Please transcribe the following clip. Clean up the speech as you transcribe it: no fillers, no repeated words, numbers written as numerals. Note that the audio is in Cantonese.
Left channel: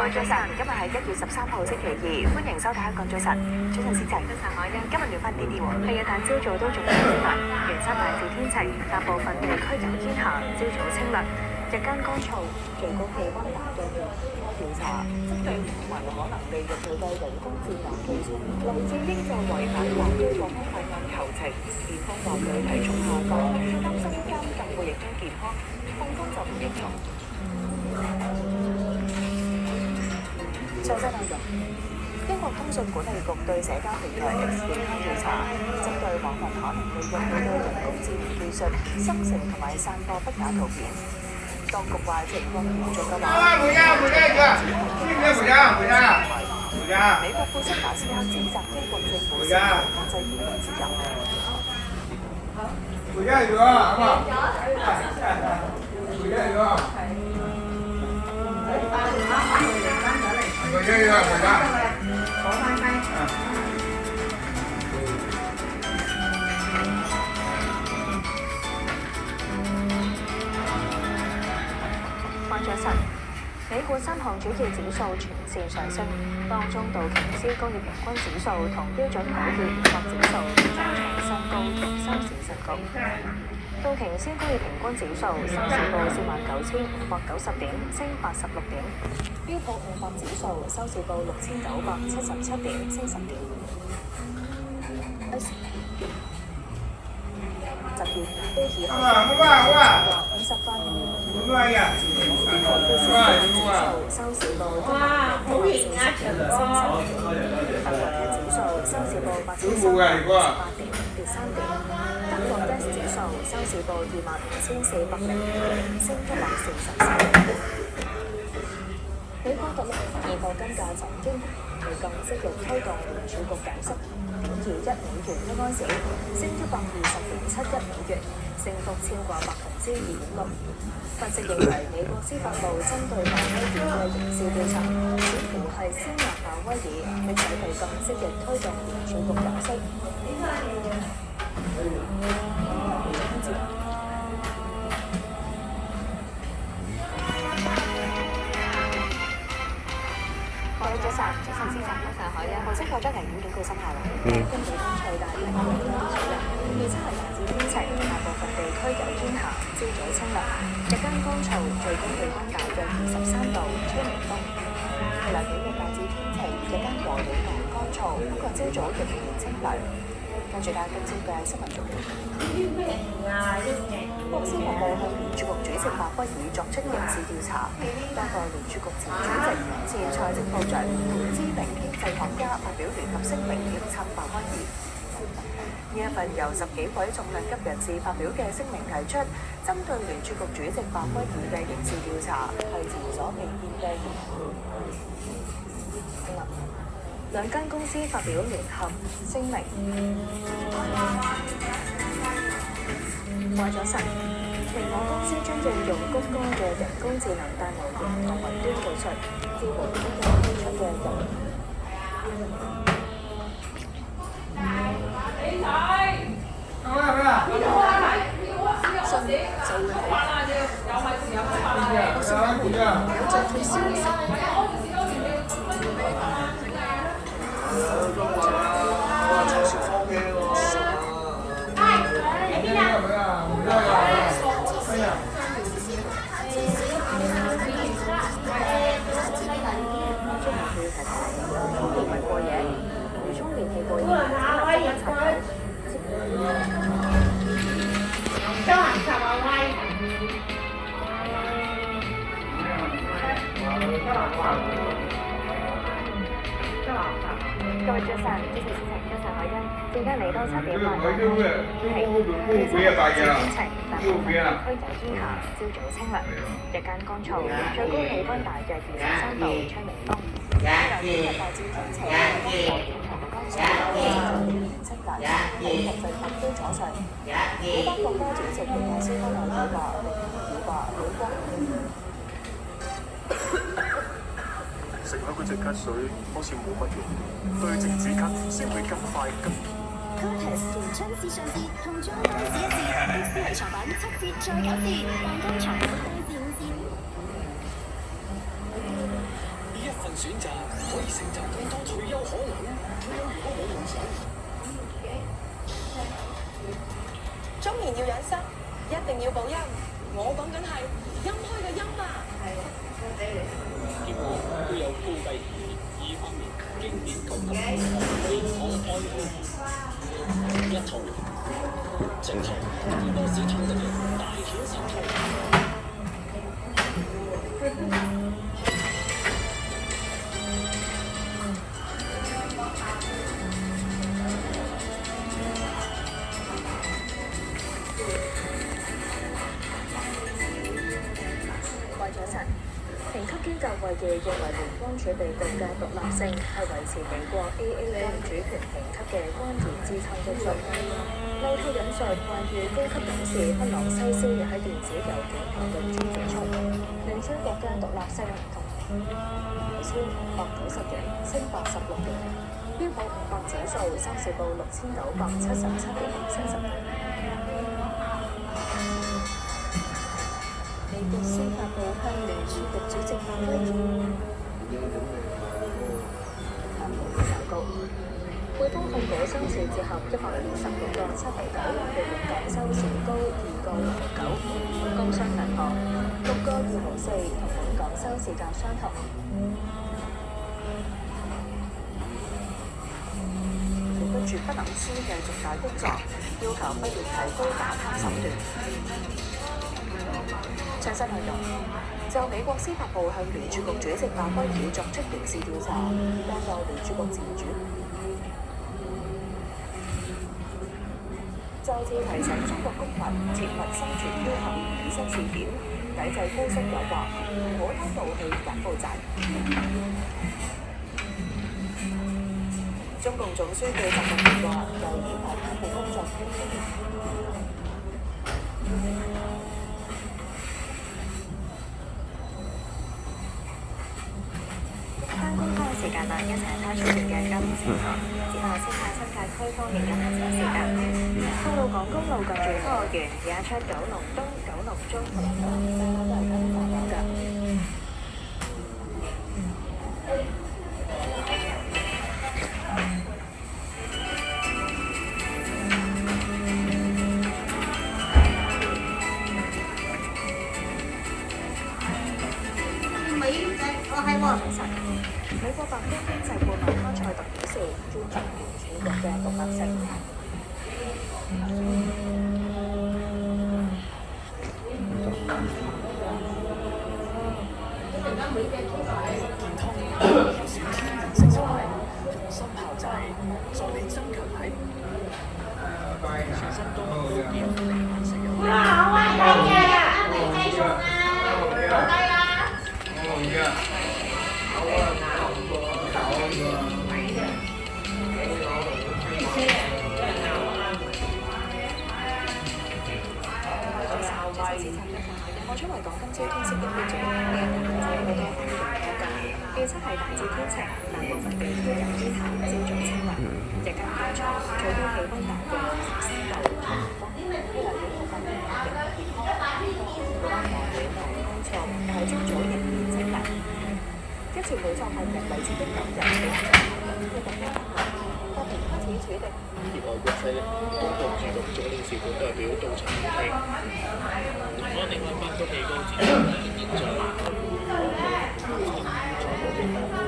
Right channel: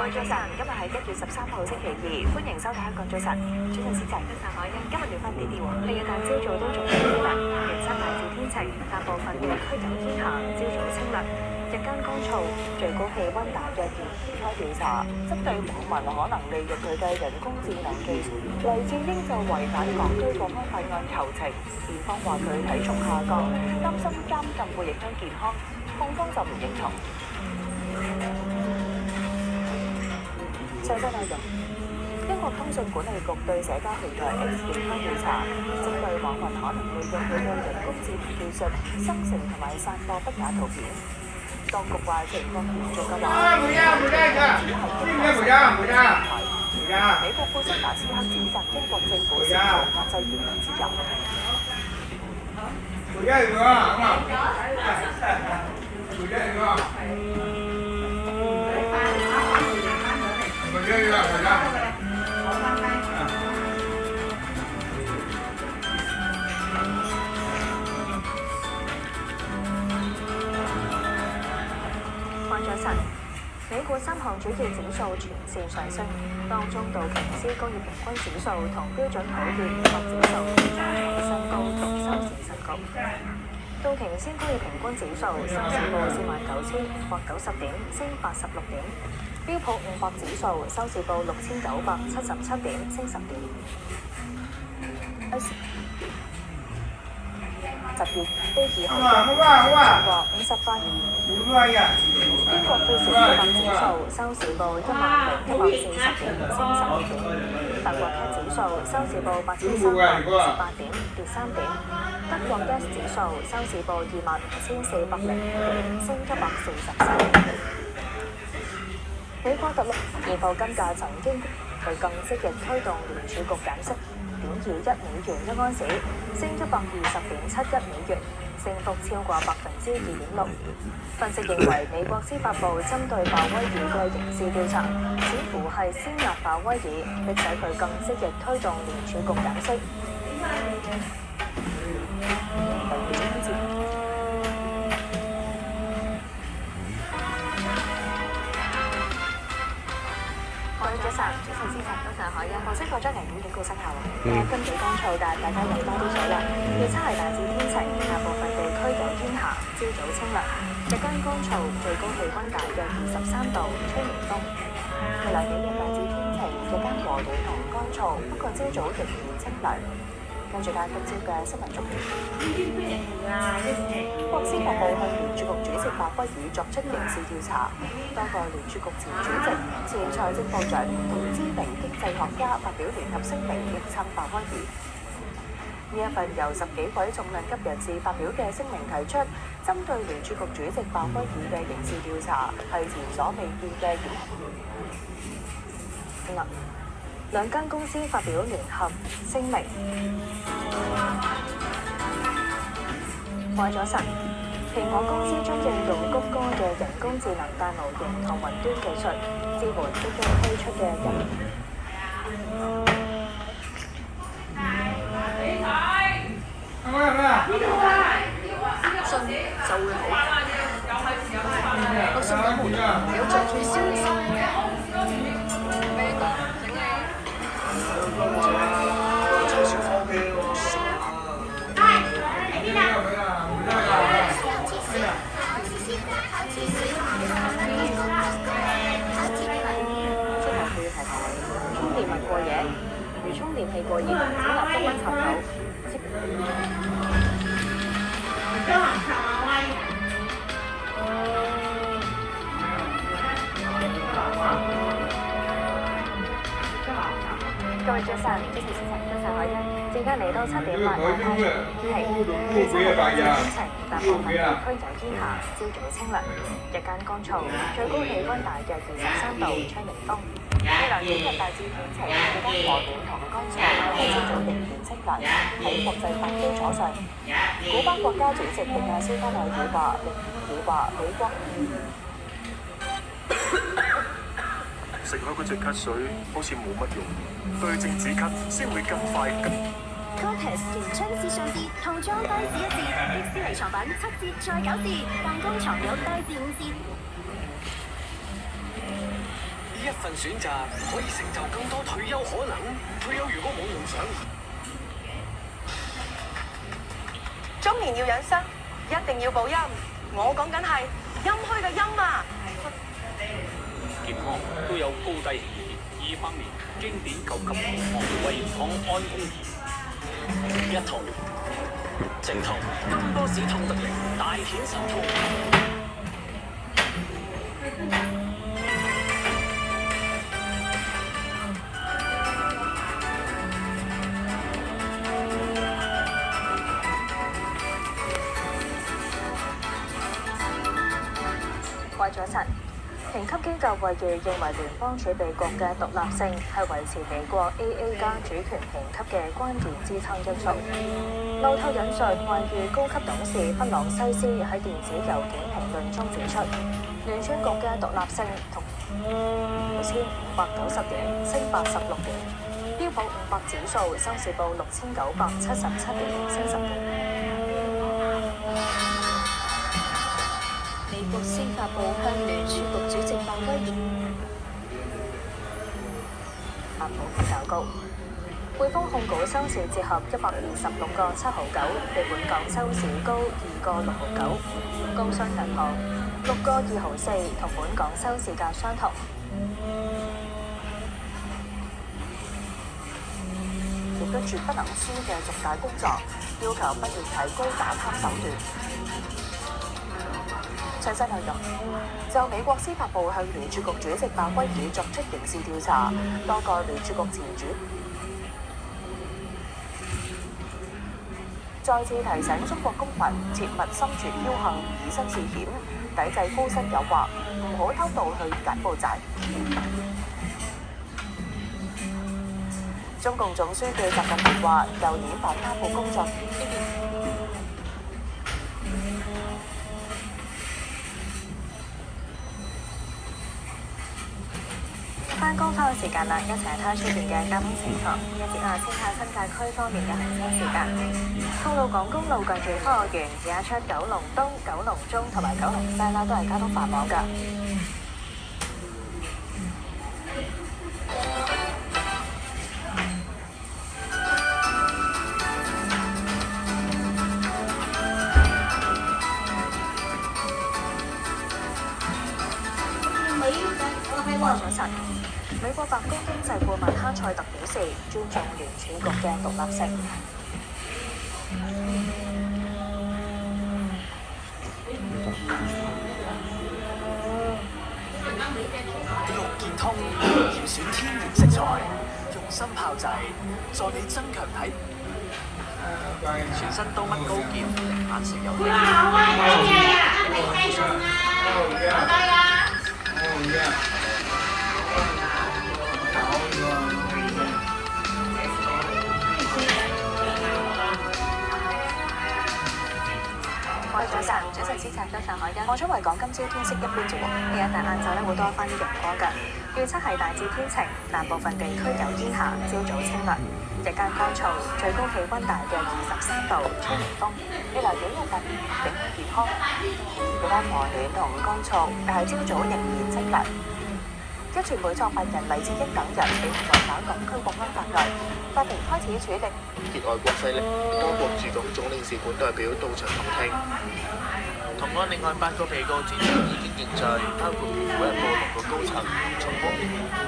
各位早晨，今日係1月13號星期2，歡迎收睇香港早晨。早晨，思齊。早晨，海欣。今日暖翻啲啲喎。係啊，但朝早都仲有啲涼。元山大致天晴，大部分地區有煙霞，朝早清涼，日間乾燥，最高氣温大約2度。調查針對網民可能利用佢嘅人工智能技術，黎智英就違反港區國安法案求情，辯方話佢體重下降，擔心監禁會影響健康，控方就唔認同。詳細內容，英國通訊管理局對社交平台 X 展開調查，針對網民可能利用佢嘅人工智能技術生成同埋散播不雅圖片。當局話情況嚴重嘅話，只係經過審查平台。美國庫森馬斯克指責英國政府試圖壓制言論自由。早晨，美股3項主要指數全線上升，當中道瓊斯工業平均指數同標準普爾500指數都再創新高同收市新高。道瓊斯工業平均指數收市報49,590點，升86點；標普500指數收市報6,977點，升10點。10月都以後超過58。英國富時一百指數收市報10,140點，升12點；法國 CAC 指數收市報8,358點，跌3點；德國 DAX 指數收市報25,402點，升143點。美國特朗普現貨金價曾經佢更積極推動聯儲局減息0.21美元一盎司，升120.71美元，升幅超過2.6%。分析認為，美國司法部針對鮑威爾嘅刑事調查，似乎係先壓鮑威爾，迫使佢更積極推動聯儲局減息。早晨，思齊，早晨，海欣。紅色火災危險警告生效啦。今日乾燥，但大家飲多啲水啦。預測係大致天晴，大部分地區有煙霞，朝早清涼，日間乾燥，最高氣温大約23度，吹微風。未來幾日大致天晴，日間和暖同乾燥，不過朝早仍然清涼。跟住睇今朝嘅新聞重點。國司法部向聯儲局主席鮑威爾作出刑事調查，多個聯儲局前主席、前財政部長同知名經濟學家發表聯合聲明力撐鮑威爾。呢一份由10幾位重量級人士發表嘅聲明提出，針對聯儲局主席鮑威爾嘅刑事調查係前所未見嘅嚴厲。兩間公司發表聯合聲明。早晨，蘋果公司將應用谷歌嘅人工智能大模型同雲端技術，支援即將推出嘅人。信就會好。我信有門，有助退燒心。充電物過夜，如充電器過熱，請立即關插頭。各位早晨，主持思齊，早晨海欣。時間嚟到7點啦，大家注意天氣。預測係大致天晴，大部分地區有煙霞，朝早清涼，日間乾燥，最高氣温大約23度，吹微風。未來幾日大致天晴，日間和暖同乾燥，朝早仍然清涼。喺國際法基礎上，古巴國家主席迪亞斯加內爾話美國食咗嗰隻咳水好似冇乜用，對症止咳先會更快更。Cortex 年春至上節，套裝低至1折，迪士尼藏品7折再9折，彈弓床有低至5折。呢一份選擇可以成就更多退休可能。退休如果冇夢想，中年要養生，一定要補陰。我講緊係陰虛嘅陰啊！健康都有高低，200年經典9級好漢胃康安護一套，正套金波士痛得力，大顯神通。為咗神，評級機構惠譽認為聯邦儲備局嘅獨立性係維持美國 AA 加主權評級嘅關鍵支撐因素。路透引述惠譽高級董事弗朗西斯喺電子郵件評論中指出，聯儲局嘅獨立性同9590點升86點，標普500指數收市報6977點升10點。美國司法部向聯儲局主席鮑威爾股票較高，匯豐控股收市折合126個7毫9，比本港收市高2個6毫9。工商銀行6個2毫4，同本港收市價相同。亦都絕不能輸嘅重大工作，要求不斷提高打貪手段。詳細內容就美國司法部向聯儲局主席鮑威爾作出刑事調查，多個聯儲局前主再次提醒中國公民切勿心存僥倖，以身試險，抵制高息誘惑，唔好偷渡去柬埔寨。中共總書記習近平話：舊年反貪腐工作返工返嘅時間啦，一齊睇下出邊嘅交通情況。呢一節啊，先睇下新界區方面嘅行車時間。吐露港公路近住科學園而家出九龍東、九龍中同埋九龍西啦，都係交通繁忙㗎。早晨，美國白宮經濟顧問哈塞特表示，尊重聯儲局嘅獨立性。綠健通嚴選天然食材，用心炮製，助你增強體。全身刀乜高劍，零反食有力。早晨，市場到上海望出維港今朝天色一般啫喎，呢一但晏晝咧會多翻啲陽光㗎。預測係大致天晴，但部分地區有煙霞，朝早清涼，日間乾燥，最高氣温大約23度，吹微風。未來幾日份景氣健康，日間和暖同乾燥，但係朝早仍然清涼。一傳媒創辦人黎智英等人被控違反港區國安法案，法庭開始處理。結外國勢力，多國駐港總領事館代表到場聆聽。同案另外8個被告轉述意見認罪，包括蘋果日報6個高層同總部。